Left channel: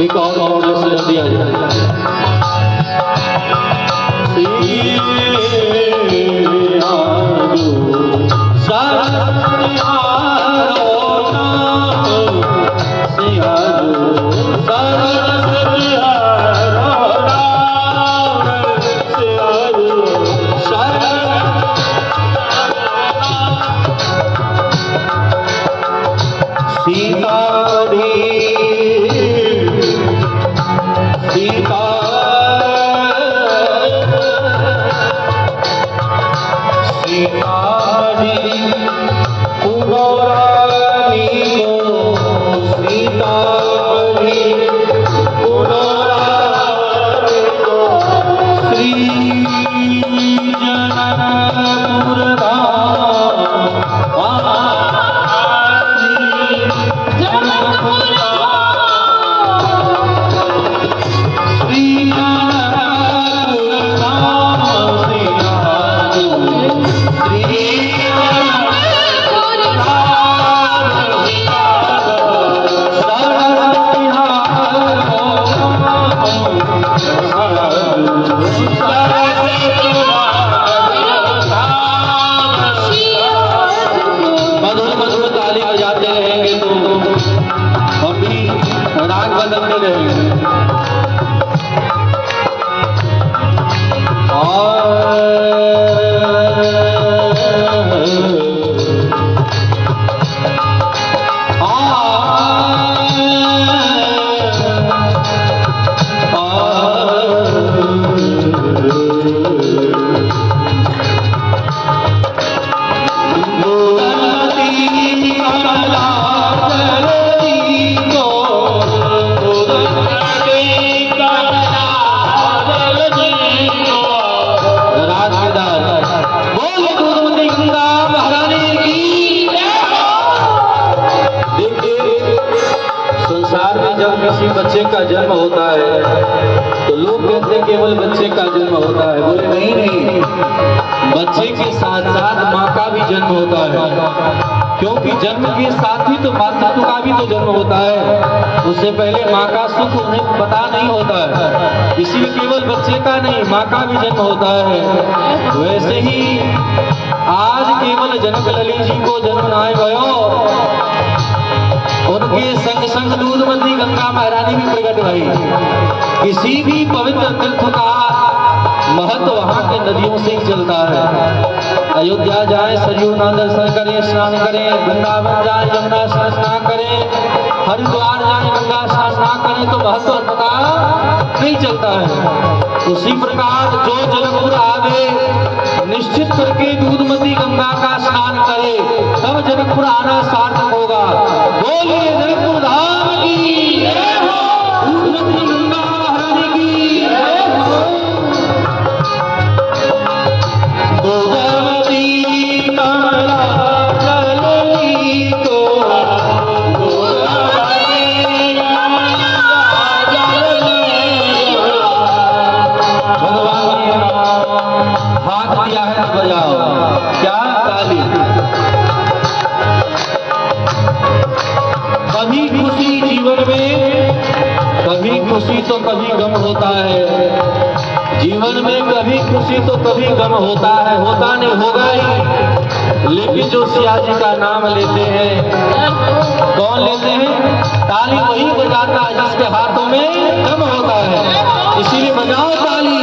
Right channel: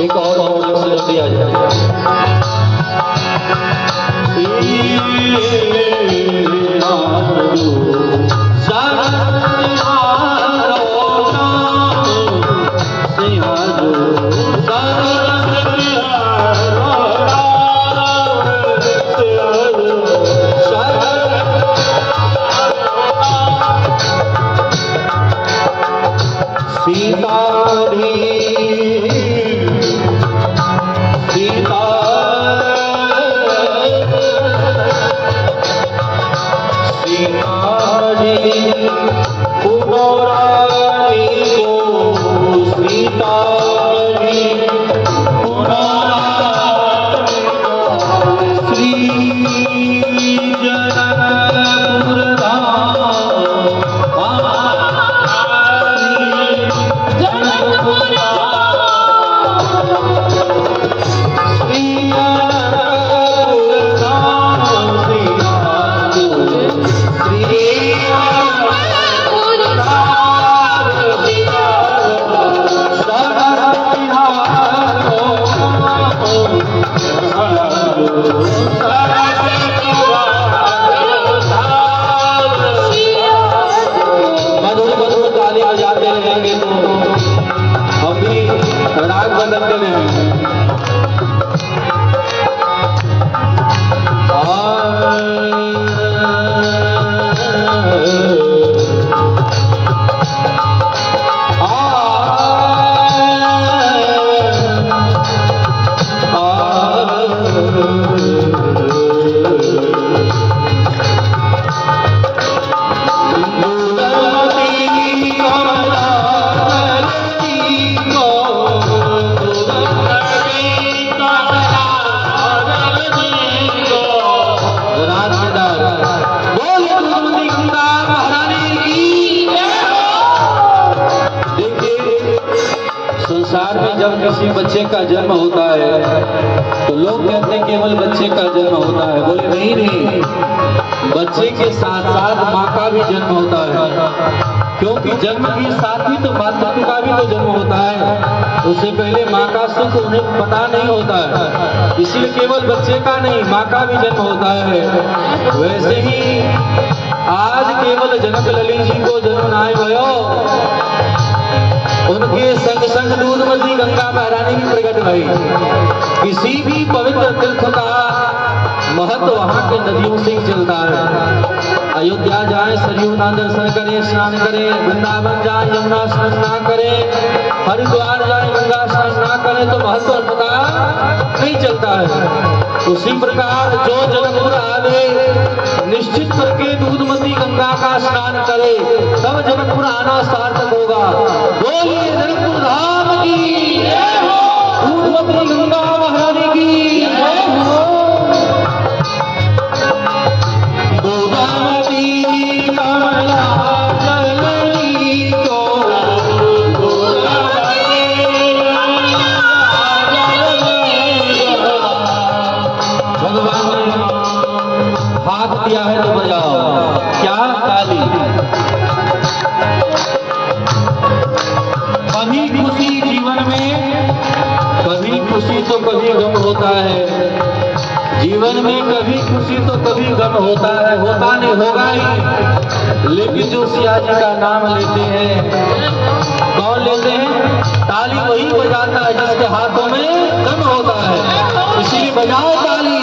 एक और अवसर दिया जाए। संसार में जब किसी बच्चे का जन्म होता है तो लोग कहते हैं केवल बच्चे का जन्म होता है। बोले नहीं नहीं, बच्चे के साथ साथ माँ का भी जन्म होता है, क्योंकि जन्म के साथ ही तो मातृत्व का भी तो जन्म होता है। उससे पहले माँ का सुख उन्हें पता नहीं होता है, इसीलिए केवल बच्चे का नहीं माँ का भी जन्म होता है। वैसे ही आज केवल जनक ललित जी को जन्म नाय भयो, उनके संग संग दूधमती गंगा महारानी भी प्रकट भई। किसी भी पवित्र तीर्थ का महत्व वहां के नदियों से ही चलता है। अयोध्या जाए सरयू ना दर्शन करें, स्नान करें, वृंदावन जाए यमुना स्नान ना करें, हरिद्वार जाए गंगा स्नान ना करें तो महत्व पता नहीं चलता है। उसी प्रकार जो जनकपुर आवे निश्चित करके दूधमती गंगा का स्नान करे तब जनकपुर आना सार्थक होगा। बोलिए जनकपुर धाम की जय हो, दूधमती गंगा महारानी की जय हो। गोदावरी कमला जलनी को, गोदावरी भगवान ने हाथ दिया है तो बजाओ, क्या ताली। कभी खुशी जीवन में, कभी खुशी तो कभी गम होता है। जीवन में कभी खुशी तो कभी गम होता है, होता नहीं होगा ही। लेकिन जो सिया जी का नाम लेते हैं, कौन लेते हैं? ताली वही बजाता है जिसके हाथों में दम होता है, इसीलिए बजाओ ताली।